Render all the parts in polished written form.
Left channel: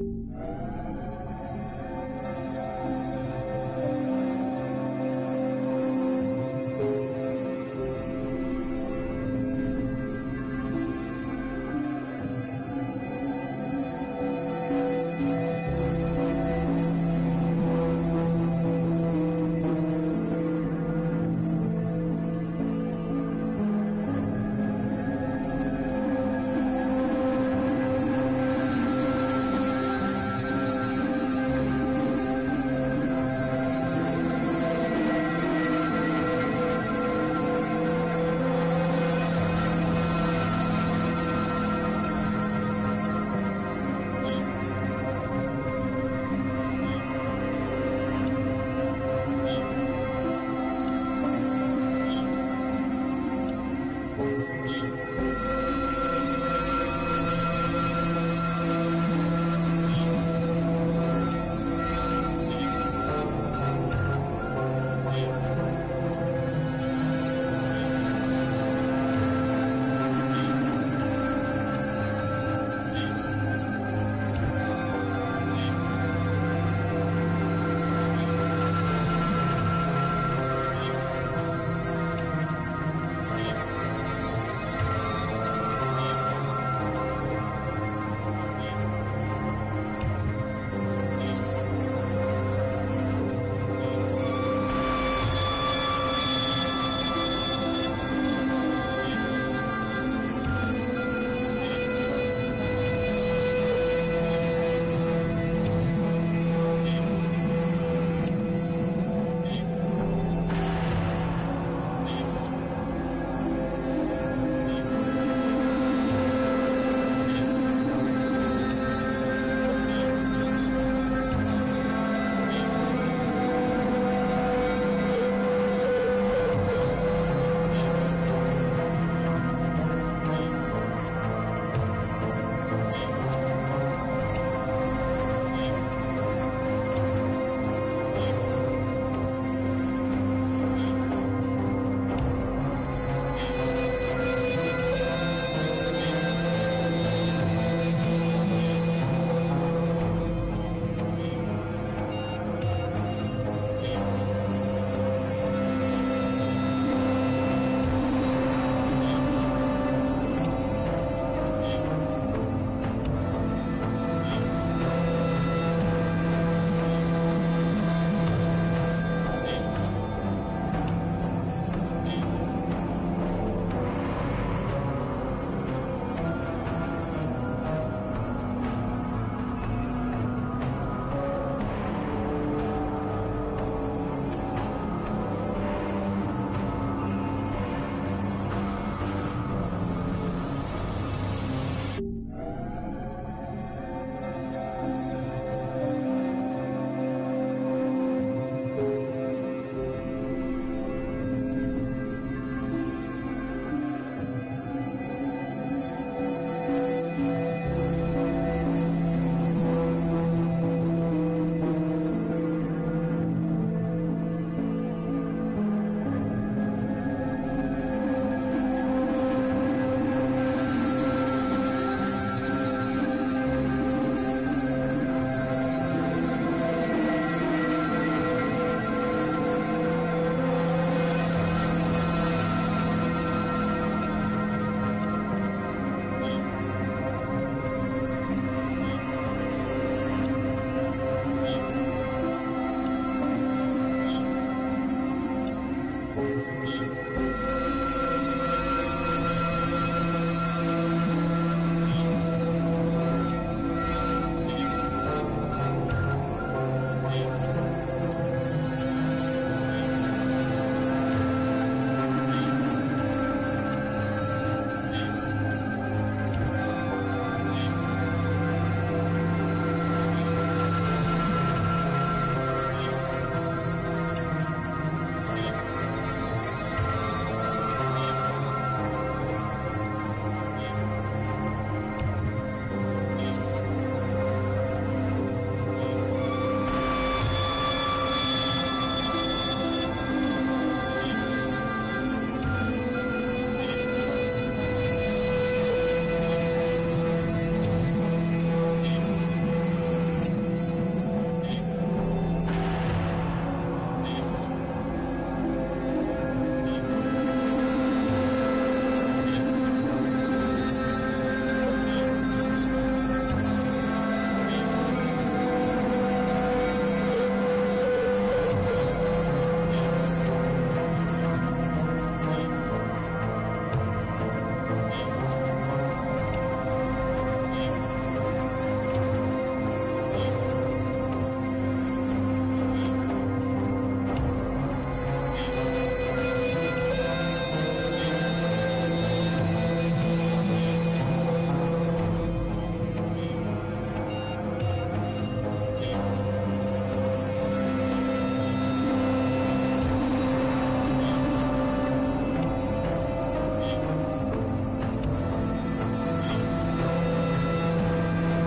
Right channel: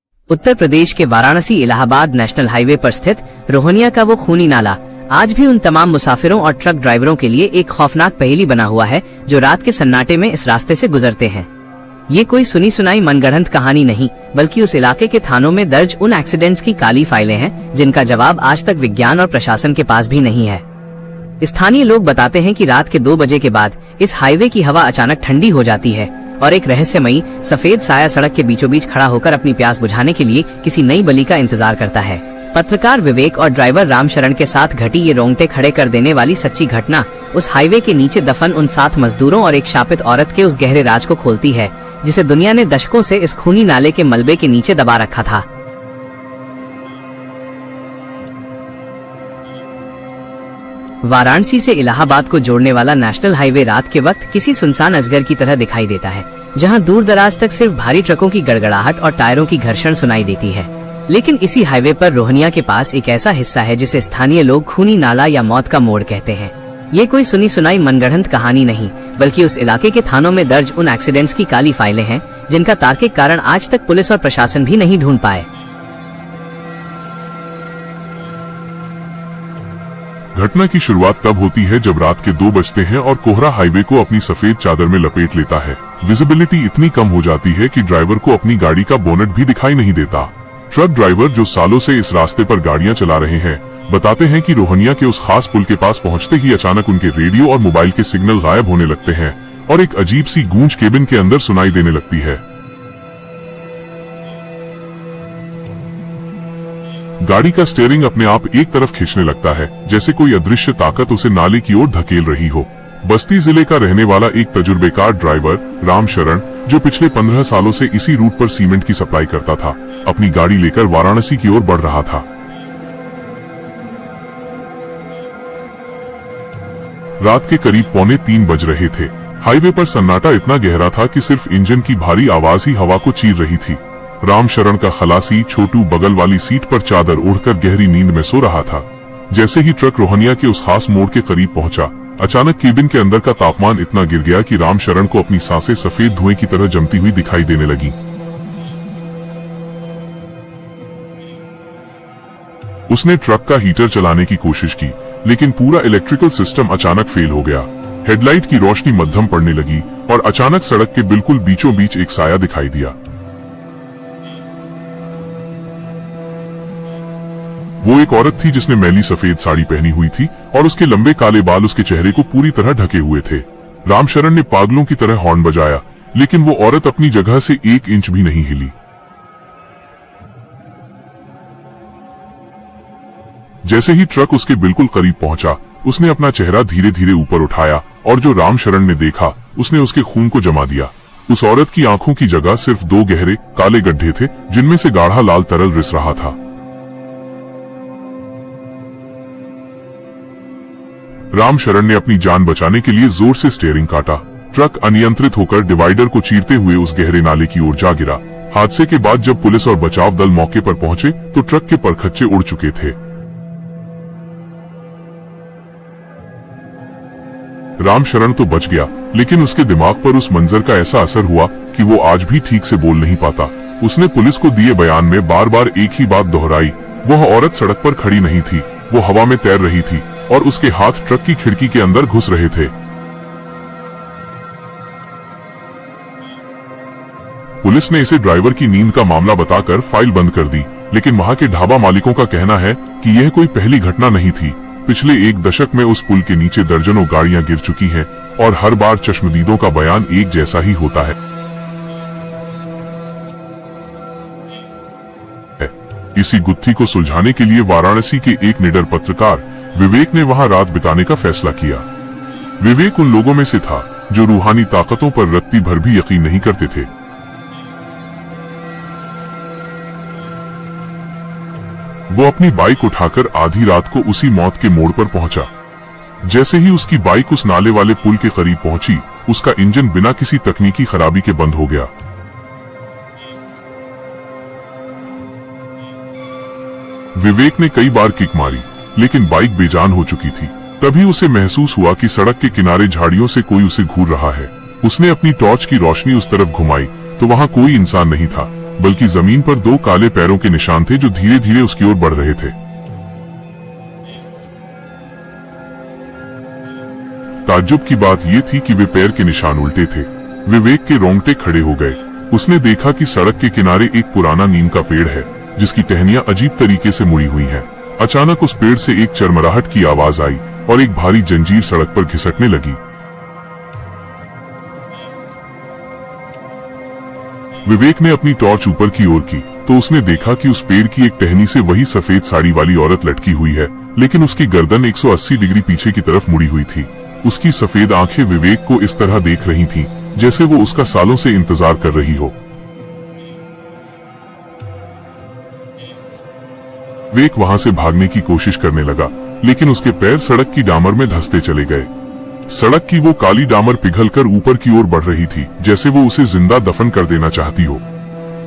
उत्तर प्रदेश के Varanasi Allahabad national highway पर स्थित रोहनिया का वो खूनी नाला आज भी उन तमाम मुसाफिरों और ट्रक ड्राइवरों के लिए एक खौफनाक पहेली बना हुआ है जो रात के सन्नाटे में इस रास्ते से गुजरते हैं। ये कोई सुनी सुनाई मनगढ़ंत कहानी नहीं, बल्कि उस इलाके के थानों में दर्ज उन एक्सीडेंट्स की काली फाइलें हैं जिनका जवाब आज तक विज्ञान और प्रशासन के पास भी नहीं है। स्थानीय लोग बताते हैं कि रात के 2 बजे के बाद इस हाईवे की हवा अचानक ठंडी हो जाती है और एक रहस्यमयी सफेद साया सड़क के बीचों बीच खड़ा होकर अपनी प्यास बुझाने के लिए किसी नई बलि का इंतजार करता है। पत्रकार विवेक और ड्राइवर रामशरण के साथ घटी ये रोंगटे खड़े कर देने वाली सच्ची घटना उस हाईवे के नीचे दफन उन 7 मजदूरों और एक शापित औरत के उस गहरे राज को खोलती है जिसे दुनिया ने दशकों से इस खूनी नाले के मलबे के नीचे दबा रखा था। वाराणसी से इलाहाबाद को जोड़ने वाला नेशनल हाईवे रात के वक्त किसी सुनसान अजगर की तरह दिखाई देता है, जहां दूर दराज तक सिर्फ भारी ट्रकों की गड़गड़ाहट और टायरों की घर्षण सुनाई देती है। लेकिन इसी हाईवे पर रोहनिया के पास एक ऐसा हिस्सा है जिसे स्थानीय लोग खूनी नाला या मौत का मोड़ कहते हैं। ये कोई सुनी सुनाई मनगढ़ंत कहानी नहीं, बल्कि उस इलाके के थानों में दर्ज उन एक्सीडेंट्स की काली फाइलें हैं जिनका तार्किक कारण आज तक पुलिस और प्रशासन भी नहीं ढूंढ पाए। घटना की शुरुआत तब होती है जब रात के 2 बजते हैं और कोहरा हाईवे को अपनी सफेद चादर में लपेट लेता है। विजिबिलिटी इतनी कम हो जाती है कि ड्राइवर को अपनी गाड़ी का बोनट भी दिखाई नहीं देता। ट्रक ड्राइवर जो सालों से इस रास्ते पर गाड़ियां चला रहे हैं बताते हैं कि रोहनिया के उस खास पुल के पास पहुंचते ही अचानक उनके रेडियो और मोबाइल के सिग्नल गायब होने लगते हैं और एक अजीब सी गूंज केबिन के अंदर सुनाई देने लगती है। गाड़ी का स्टीयरिंग अपने आप एक तरफ खींचने लगता है, जैसे कोई अदृश्य ताकत उसे नाले की ओर धकेल रही हो। बस्ती जिले का रहने वाला एक तजुर्बेकार ड्राइवर रामशरण, जो पिछले 15 सालों से इसी रूट पर सीमेंट की सप्लाई करता था, अपनी गाड़ी लेकर वाराणसी की ओर बढ़ रहा था। रात के करीब 2:45 बज रहे थे। हाईवे पर सन्नाटा इतना गहरा था कि सिर्फ इंजन की भारी आवाज ही हवा को चीर रही थी। रामशरण का खलासी छोटू बगल वाली सीट पर चादर ओढ़कर गहरी नींद में सो रहा था। जैसे ही ट्रक रोहनिया के उस खास मोड़ के करीब पहुंचा, अचानक केबिन के अंदर का तापमान इतना गिर गया कि रामशरण को अपनी सांसें सफेद धुएं की तरह जमती हुई दिखाई देने लगी। उसने ट्रक का हीटर चलाने की कोशिश की, लेकिन पूरा इलेक्ट्रिकल सिस्टम अचानक फेल हो गया। हेडलाइट की रोशनी मध्यम पड़ने लगी और अचानक सड़क के बिल्कुल बीचों बीच एक साया दिखाई दिया। वो एक औरत थी जिसने मैली सफेद साड़ी पहनी हुई थी और उसके लंबे काले बाल उसके चेहरे को पूरी तरह ढके हुए थे। रामशरण ने पागलों की तरह हॉर्न बजाया, लेकिन वो औरत अपनी जगह से 1 इंच भी नहीं हिली। जैसे ही ट्रक उसके बिल्कुल करीब पहुंचा, उसने अपना चेहरा धीरे धीरे ऊपर उठाया और जो रामशरण ने देखा उसने उसके खून को जमा दिया। उस औरत की आंखों की जगह सिर्फ 2 गहरे काले गड्ढे थे, जिनमें से गाढ़ा लाल तरल रिस रहा था। रामशरण ने अपनी जान बचाने के लिए जोर से स्टीयरिंग काटा। ट्रक अनियंत्रित होकर डिवाइडर को चीरते हुए उस गहरे नाले की ओर जा गिरा। हादसे के बाद जब पुलिस और बचाव दल मौके पर पहुंचे तो ट्रक के परखच्चे उड़ चुके थे। रामशरण तो बच गया, लेकिन उसके दिमाग पर उस मंजर का ऐसा असर हुआ कि वो आज भी ठीक से बोल नहीं पाता। उसने पुलिस को दिए बयान में बार बार एक ही बात दोहराई, वह औरत सड़क पर खड़ी नहीं थी, वो हवा में तैर रही थी और उसके हाथ ट्रक की खिड़की के अंदर घुस रहे थे। पुलिस ने इसे ड्राइवर की नींद का मामला बताकर फाइल बंद कर दी, लेकिन वहां के ढाबा मालिकों का कहना है कि यह कोई पहली घटना नहीं थी। पिछले 1 दशक में उस पुल के नीचे दर्जनों गाड़ियां गिर चुकी हैं और हर बार चश्मदीदों का बयान एक जैसा ही होता है। इसी गुत्थी को सुलझाने के लिए वाराणसी के एक निडर पत्रकार विवेक ने वहां रात बिताने का फैसला किया। विवेक उन लोगों में से था जो रूहानी ताकतों पर रत्ती भर भी यकीन नहीं करते थे। वो अपनी बाइक उठाकर आधी रात को उसी मौत के मोड़ पर पहुंचा। जैसे ही उसकी बाइक उस नाले वाले पुल के करीब पहुंची, उसका इंजन बिना किसी तकनीकी खराबी के बंद हो गया। विवेक ने कई बार किक मारी, लेकिन बाइक बेजान हो चुकी थी। तभी उसे महसूस हुआ कि सड़क के किनारे झाड़ियों से कोई उसे घूर रहा है। उसने अपनी टॉर्च की रोशनी उस तरफ घुमाई तो वहां कोई इंसान नहीं था। बल्कि जमीन पर 2 काले पैरों के निशान थे जो धीरे धीरे उसकी ओर बढ़ रहे थे। ताज्जुब की बात यह थी कि वे पैर के निशान उल्टे थे। विवेक के रोंगटे खड़े हो गए। उसने देखा कि सड़क के किनारे एक पुराना नीम का पेड़ है जिसकी टहनियां अजीब तरीके से मुड़ी हुई हैं। अचानक उस पेड़ से एक चरमराहट की आवाज आई और एक भारी जंजीर सड़क पर घिसटने लगी। विवेक ने अपनी टॉर्च ऊपर की ओर की तो उसने देखा कि उस पेड़ की एक टहनी से वही सफेद साड़ी वाली औरत लटकी हुई है, लेकिन उसकी गर्दन 180 डिग्री पीछे की तरफ मुड़ी हुई थी। उसकी सफेद आंखें विवेक को इस तरह देख रही थीं, जैसे वो उसका सालों से इंतजार कर रही हो। विवेक वहां से भागने की कोशिश करने लगा, लेकिन उसके पैर सड़क की डामर में धंसते चले गए। सड़क की वो काली डामर पिघलकर ऊपर की ओर बढ़ रही थी, जैसे वो उसे जिंदा दफन कर देना चाहती हो।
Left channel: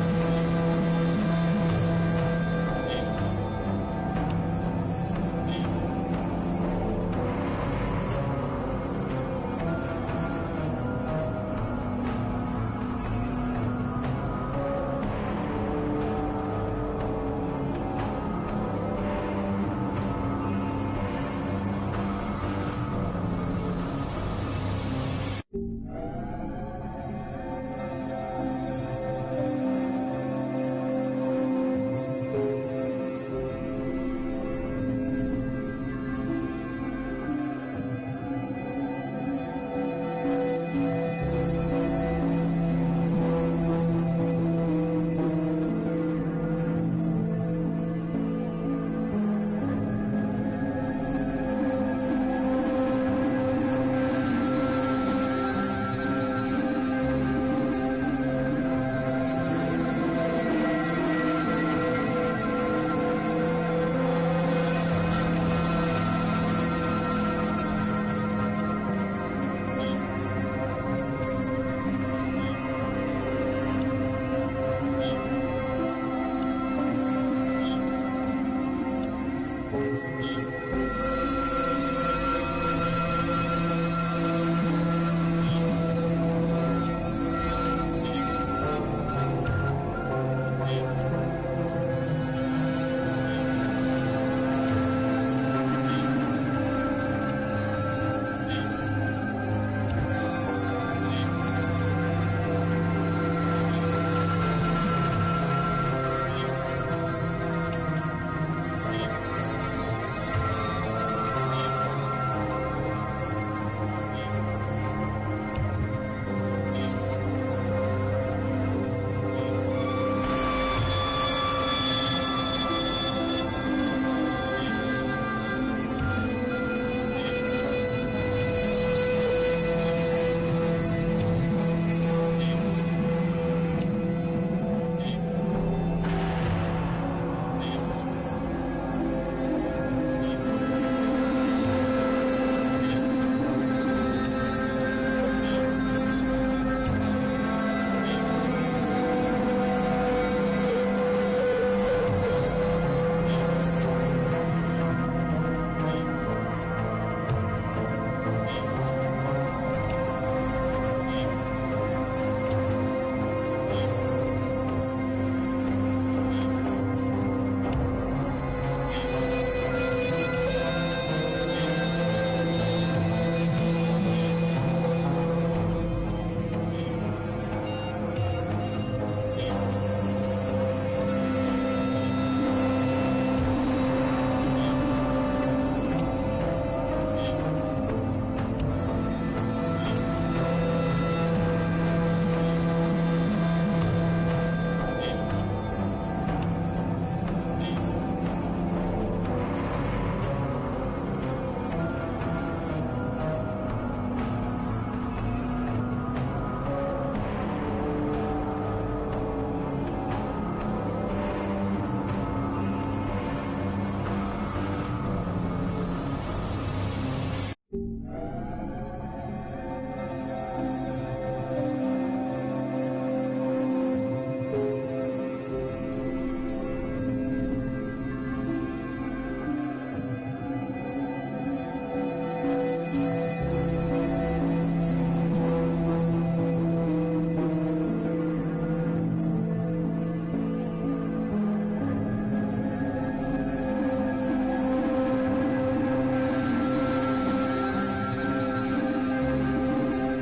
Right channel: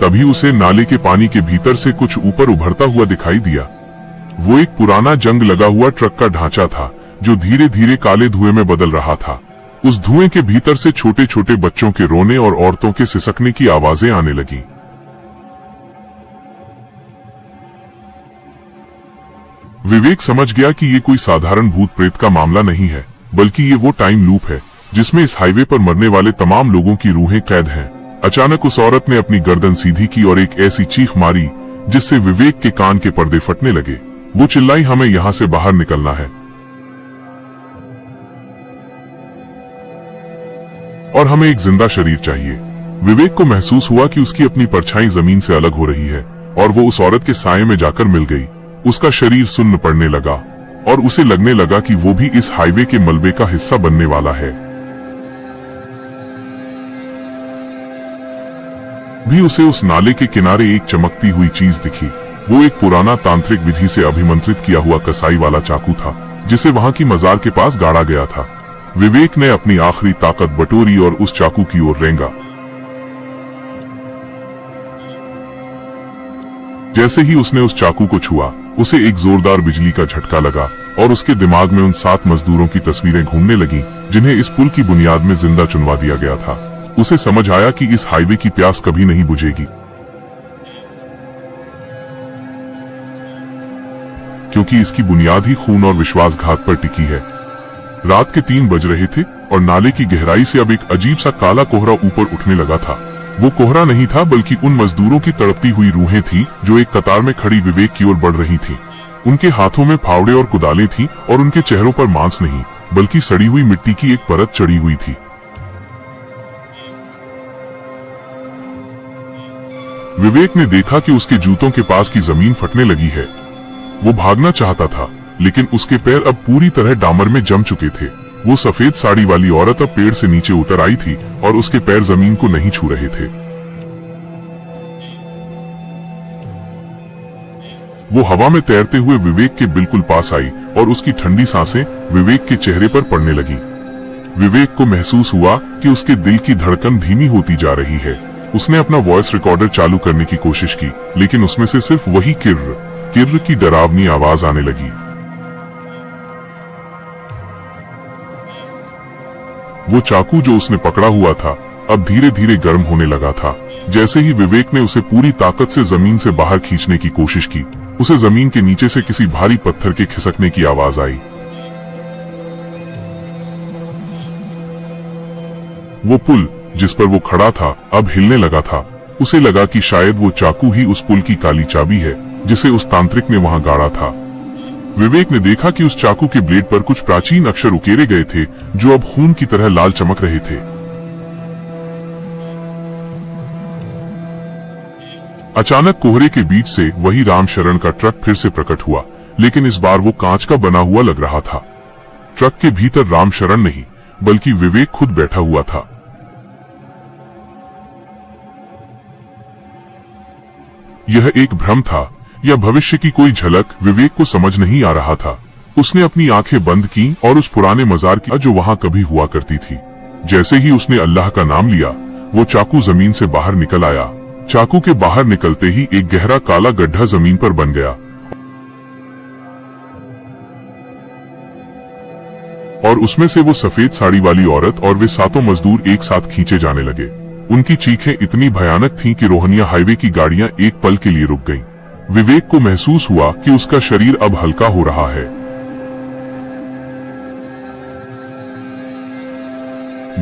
तभी उसे नाले के पानी के भीतर से कुछ ऊपर उभरता हुआ दिखाई दिया। वो एक पुराना जंग लगा हुआ ट्रक का ढांचा था जो धीरे धीरे काले धुएं में बदल रहा था। उस धुएं के भीतर से छोटे छोटे बच्चों के रोने और औरतों के सिसकने की आवाजें आने लगी। विवेक समझ गया कि ये कोई साधारण भूत प्रेत का मामला नहीं है, बल्कि ये वो टाइम लूप है जिसमें इस हाईवे पर मरने वाले तमाम लोगों की रूहें कैद हैं। अचानक उस औरत ने अपनी गर्दन सीधी की और एक ऐसी चीख मारी जिससे विवेक के कान के पर्दे फटने लगे। वो चिल्लाई, हमें यहाँ से बाहर निकलना है और हमें एक जिंदा शरीर चाहिए। विवेक को महसूस हुआ कि उसकी अपनी परछाई जमीन से अलग हो रही है और वो उस औरत के साये में जाकर मिल गई। उसका शरीर सुन्न पड़ने लगा और उसे लगने लगा कि वो भी इस हाईवे के मलबे का हिस्सा बनने वाला है। भी उसे उस नाले के किनारे एक चमकती हुई चीज दिखी। वो एक पुराना तांत्रिक विधि से अभिमंत्रित किया हुआ कसाई वाला चाकू था जिसे वहां की मजार के पास गाड़ा गया था। विवेक ने अपनी आखिरी ताकत बटोरी और उस चाकू की ओर रेंगा। जैसे ही उसने उस चाकू को छुआ, उसे एक जोरदार बिजली का झटका लगा और उसके दिमाग में उन 7 मजदूरों की तस्वीरें घूमने लगीं, जिन्हें इस पुल की बुनियाद में जिंदा चुनवा दिया गया था। उसे समझ आया कि इस हाईवे की प्यास कभी नहीं बुझेगी, क्योंकि इसकी बुनियाद ही खून और विश्वासघात पर टिकी है। रात के 3 बज रहे थे और नाले की गहराई से अब एक अजीब सा काला कोहरा ऊपर उठने लगा था। वो कोहरा नहीं था, बल्कि उन मजदूरों की तड़पती हुई रूहें थीं जो एक कतार में खड़ी विवेक की ओर बढ़ रही थीं। उनके हाथों में फावड़े और कुदालें थीं और उनके चेहरों पर मांस नहीं, बल्कि सड़ी हुई मिट्टी की एक परत चढ़ी हुई थी। विवेक ने देखा कि उसके जूतों के पास की जमीन फटने लगी है। वो भागना चाहता था, लेकिन उसके पैर अब पूरी तरह डामर में जम चुके थे। वो सफेद साड़ी वाली औरत अब पेड़ से नीचे उतर आई थी और उसके पैर जमीन को नहीं छू रहे थे। वो हवा में तैरते हुए विवेक के बिल्कुल पास आई और उसकी ठंडी सांसें विवेक के चेहरे पर पड़ने लगी। विवेक को महसूस हुआ कि उसके दिल की धड़कन धीमी होती जा रही है। उसने अपना वॉइस रिकॉर्डर चालू करने की कोशिश की, लेकिन उसमें से सिर्फ वही किर्र किर्र की डरावनी आवाज आने लगी। वो चाकू जो उसने पकड़ा हुआ था अब धीरे धीरे गर्म होने लगा था। जैसे ही विवेक ने उसे पूरी ताकत से जमीन से बाहर खींचने की कोशिश की, उसे जमीन के नीचे से किसी भारी पत्थर के खिसकने की आवाज आई। वो पुल जिस पर वो खड़ा था अब हिलने लगा था। उसे लगा कि शायद वो चाकू ही उस पुल की काली चाबी है जिसे उस तांत्रिक ने वहां गाड़ा था। विवेक ने देखा कि उस चाकू के ब्लेड पर कुछ प्राचीन अक्षर उकेरे गए थे जो अब खून की तरह लाल चमक रहे थे। अचानक कोहरे के बीच से वही रामशरण का ट्रक फिर से प्रकट हुआ, लेकिन इस बार वो कांच का बना हुआ लग रहा था। ट्रक के भीतर रामशरण नहीं, बल्कि विवेक खुद बैठा हुआ था। यह एक भ्रम था या भविष्य की कोई झलक, विवेक को समझ नहीं आ रहा था। उसने अपनी आंखें बंद की और उस पुराने मजार की जो वहां कभी हुआ करती थी। जैसे ही उसने अल्लाह का नाम लिया, वो चाकू जमीन से बाहर निकल आया। चाकू के बाहर निकलते ही एक गहरा काला गड्ढा जमीन पर बन गया और उसमें से वो सफेद साड़ी वाली औरत और वे 7 मजदूर एक साथ खींचे जाने लगे। उनकी चीखें इतनी भयानक थीं कि रोहनिया हाईवे की गाड़ियां एक पल के लिए रुक गईं। विवेक को महसूस हुआ कि उसका शरीर अब हल्का हो रहा है।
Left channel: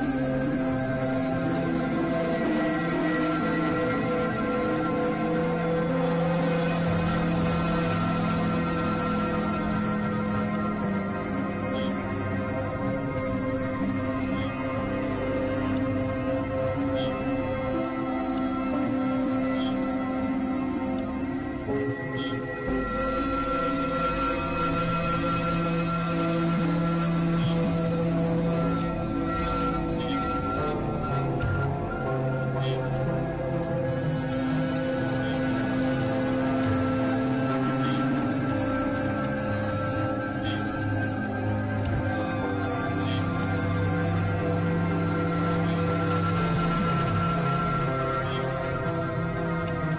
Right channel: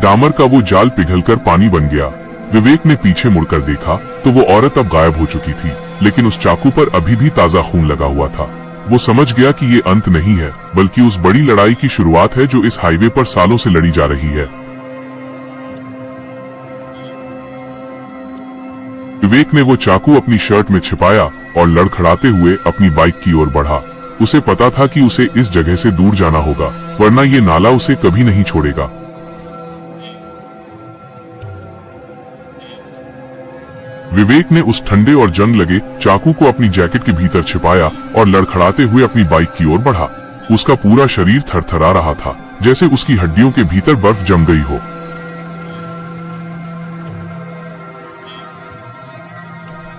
डामर का वो जाल पिघलकर पानी बन गया। विवेक ने पीछे मुड़कर देखा तो वो औरत अब गायब हो चुकी थी, लेकिन उस चाकू पर अभी भी ताजा खून लगा हुआ था। वो समझ गया कि ये अंत नहीं है, बल्कि उस बड़ी लड़ाई की शुरुआत है जो इस हाईवे पर सालों से लड़ी जा रही है। विवेक ने वो चाकू अपनी शर्ट में छिपाया और लड़खड़ाते हुए अपनी बाइक की ओर बढ़ा। उसे पता था कि उसे इस जगह से दूर जाना होगा, वरना ये नाला उसे कभी नहीं छोड़ेगा। विवेक ने उस ठंडे और जंग लगे चाकू को अपनी जैकेट के भीतर छिपाया और लड़खड़ाते हुए अपनी बाइक की ओर बढ़ा। उसका पूरा शरीर थरथरा रहा था, जैसे उसकी हड्डियों के भीतर बर्फ जम गई हो।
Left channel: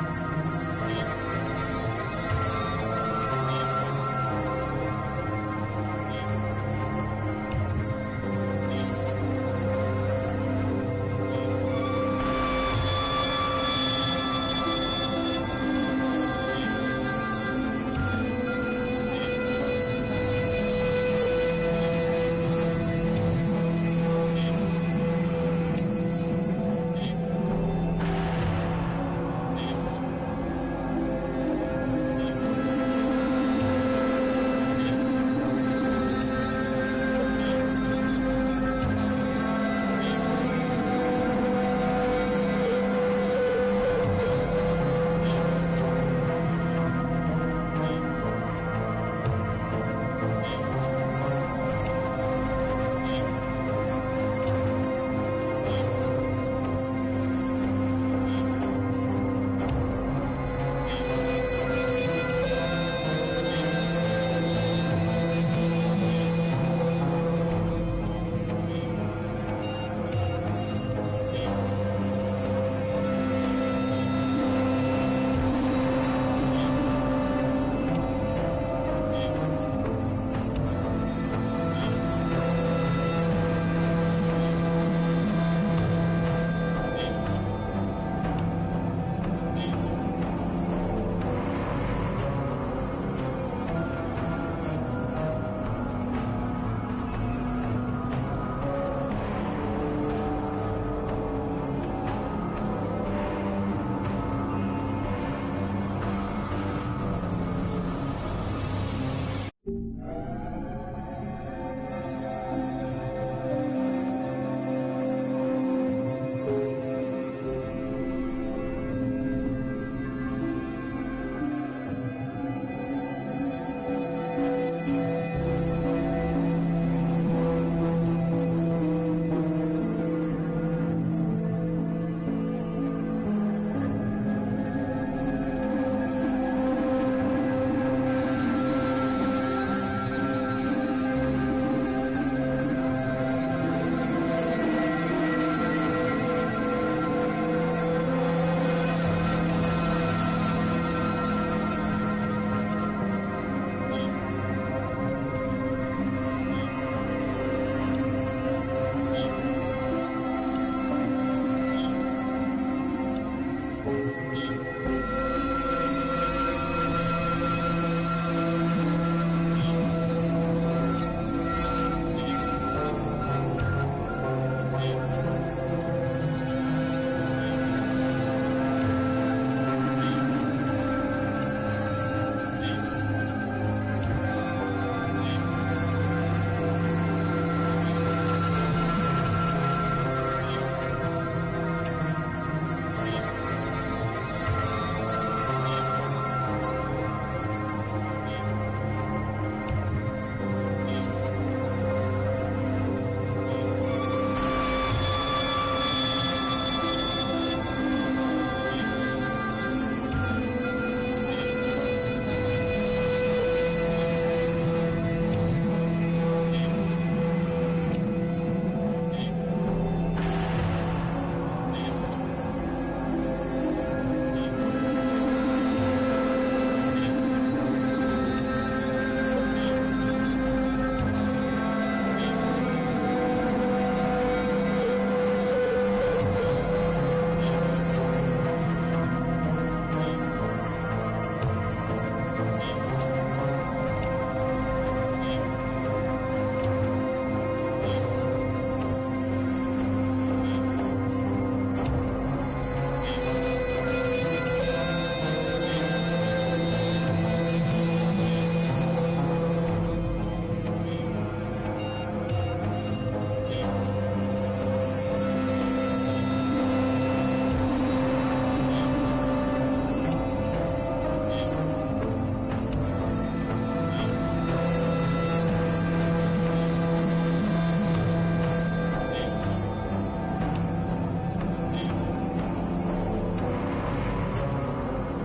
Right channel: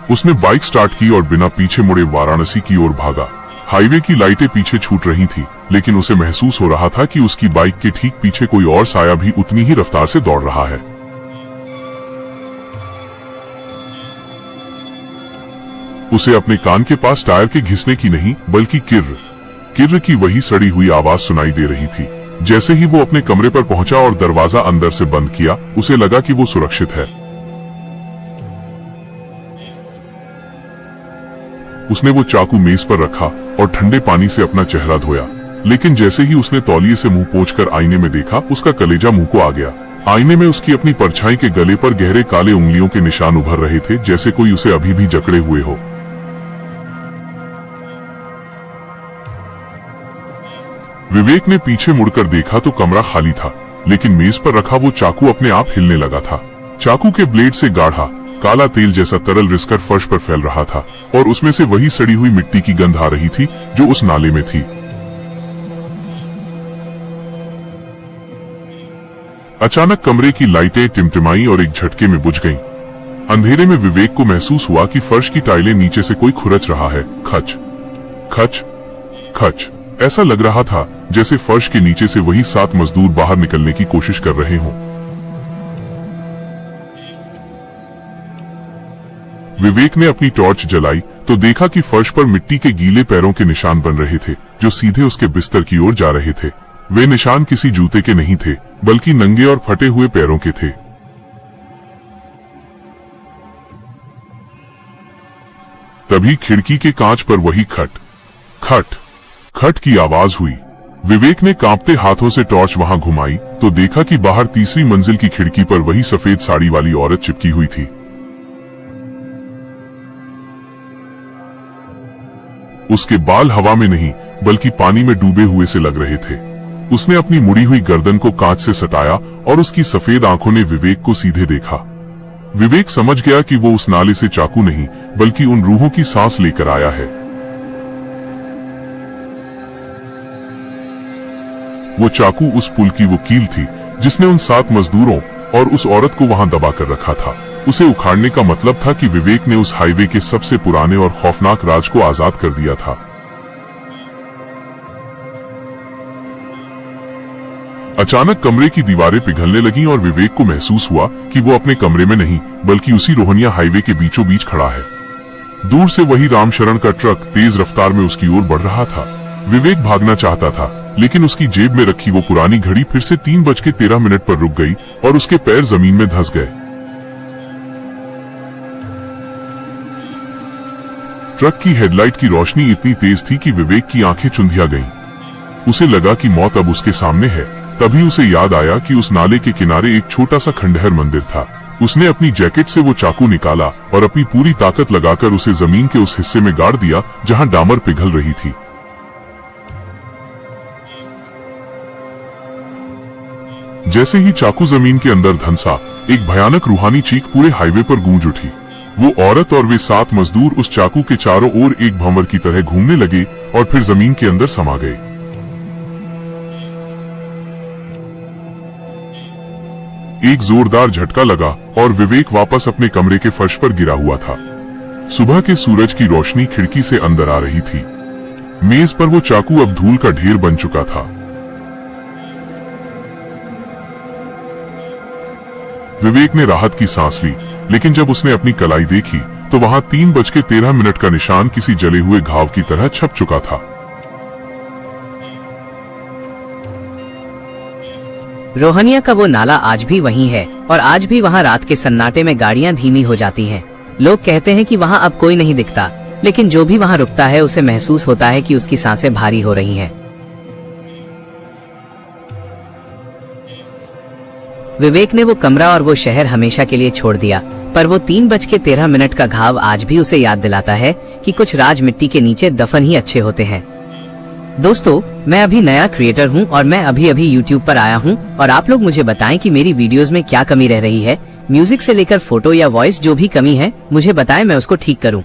उसने बाइक स्टार्ट की और बिना पीछे मुड़े वाराणसी की ओर भागा। हाईवे की लाइटें पीछे छूट रही थी, लेकिन उसे महसूस हो रहा था कि उसकी बाइक के ठीक पीछे कोई और साया भी उतनी ही रफ्तार से दौड़ रहा है। उसे अपने कान के पास टायर के घिसने की नहीं, बल्कि किर्र की वही सड़ी हुई आवाज सुनाई दे रही थी। जैसे ही वो अपने कमरे पर पहुंचा और दरवाजा अंदर से बंद किया, उसे लगा कि वो सुरक्षित है। उसने वो चाकू मेज पर रखा और ठंडे पानी से अपना चेहरा धोया, लेकिन जैसे ही उसने तौलिए से मुंह पोंछकर आईने में देखा, उसका कलेजा मुंह को आ गया। आईने में उसकी अपनी परछाई के गले पर गहरे काले उंगलियों के निशान उभर रहे थे, जैसे कोई उसे अभी भी जकड़े हुए हो। विवेक ने पीछे मुड़कर देखा तो कमरा खाली था, लेकिन मेज पर रखा वो चाकू अपने आप हिलने लगा था। चाकू के ब्लेड से गाढ़ा काला तेल जैसा तरल रिसकर फर्श पर फैल रहा था और उसमें से वही सड़ी हुई मिट्टी की गंध आ रही थी जो उस नाले में थी। अचानक कमरे की लाइटें टिमटिमाई और एक झटके में बुझ गईं। अंधेरे में विवेक को महसूस हुआ कि फर्श की टाइलें नीचे से कोई खुरच रहा है। खच खच खच। ऐसा लग रहा था जैसे फर्श के नीचे से वही 7 मजदूर बाहर निकलने की कोशिश कर रहे हों। विवेक ने अपनी टॉर्च जलाई तो देखा कि फर्श पर मिट्टी के गीले पैरों के निशान बन रहे थे, जो सीधे उसके बिस्तर की ओर जा रहे थे। वे निशान किसी जूते के नहीं थे, बल्कि नंगे और फटे हुए पैरों के थे। तभी खिड़की के कांच पर वही खट खट खट की आवाज हुई। विवेक ने कांपते हाथों से टॉर्च वहां घुमाई तो देखा कि बाहर तीसरी मंजिल की खिड़की पर वही सफेद साड़ी वाली औरत चिपकी हुई थी। उसके बाल हवा में नहीं, बल्कि पानी में डूबे हुए से लग रहे थे। उसने अपनी मुड़ी हुई गर्दन को कांच से सटाया और उसकी सफेद आंखों ने विवेक को सीधे देखा। विवेक समझ गया कि वो उस नाले से चाकू नहीं, बल्कि उन रूहों की सांस लेकर आया है। वो चाकू उस पुल की वो कील थी जिसने उन 7 मजदूरों और उस औरत को वहां दबा कर रखा था। उसे उखाड़ने का मतलब था कि विवेक ने उस हाईवे के सबसे पुराने और खौफनाक राज को आजाद कर दिया था। अचानक कमरे की दीवारें पिघलने लगीं और विवेक को महसूस हुआ कि वो अपने कमरे में नहीं, बल्कि उसी रोहनिया हाईवे के बीचों बीच खड़ा है। दूर से वही रामशरण का ट्रक तेज रफ्तार में उसकी ओर बढ़ रहा था। विवेक भागना चाहता था, लेकिन उसकी जेब में रखी वो पुरानी घड़ी फिर से 3:13 पर रुक गई और उसके पैर जमीन में धंस गए। ट्रक की हेडलाइट की रोशनी इतनी तेज थी कि विवेक की आंखें चुंधिया गईं। उसे लगा कि मौत अब उसके सामने है। तभी उसे याद आया कि उस नाले के किनारे एक छोटा सा खंडहर मंदिर था। उसने अपनी जैकेट से वो चाकू निकाला और अपनी पूरी ताकत लगाकर उसे जमीन के उस हिस्से में गाड़ दिया जहां डामर पिघल रही थी। जैसे ही चाकू जमीन के अंदर धंसा, एक भयानक रूहानी चीख पूरे हाईवे पर गूंज उठी। वो औरत और वे 7 मजदूर उस चाकू के चारों ओर एक भंवर की तरह घूमने लगे और फिर जमीन के अंदर समा गए। एक जोरदार झटका लगा और विवेक वापस अपने कमरे के फर्श पर गिरा हुआ था। सुबह के सूरज की रोशनी खिड़की से अंदर आ रही थी। मेज पर वो चाकू अब धूल का ढेर बन चुका था। विवेक ने राहत की सांस ली, लेकिन जब उसने अपनी कलाई देखी तो वहाँ 3:13 का निशान किसी जले हुए घाव की तरह छप चुका था। रोहनिया का वो नाला आज भी वहीं है और आज भी वहाँ रात के सन्नाटे में गाड़ियाँ धीमी हो जाती हैं। लोग कहते हैं कि वहाँ अब कोई नहीं दिखता, लेकिन जो भी वहाँ रुकता है उसे महसूस होता है कि उसकी सांसें भारी हो रही हैं। विवेक ने वो कमरा और वो शहर हमेशा के लिए छोड़ दिया, पर वो 3:13 का घाव आज भी उसे याद दिलाता है कि कुछ राज मिट्टी के नीचे दफन ही अच्छे होते हैं। दोस्तों, मैं अभी नया क्रिएटर हूँ और मैं अभी YouTube पर आया हूँ और आप लोग मुझे बताएं कि मेरी वीडियोस में क्या कमी रह रही है। म्यूजिक से लेकर फोटो या वॉइस जो भी कमी है मुझे बताएं, मैं उसको ठीक करूँ।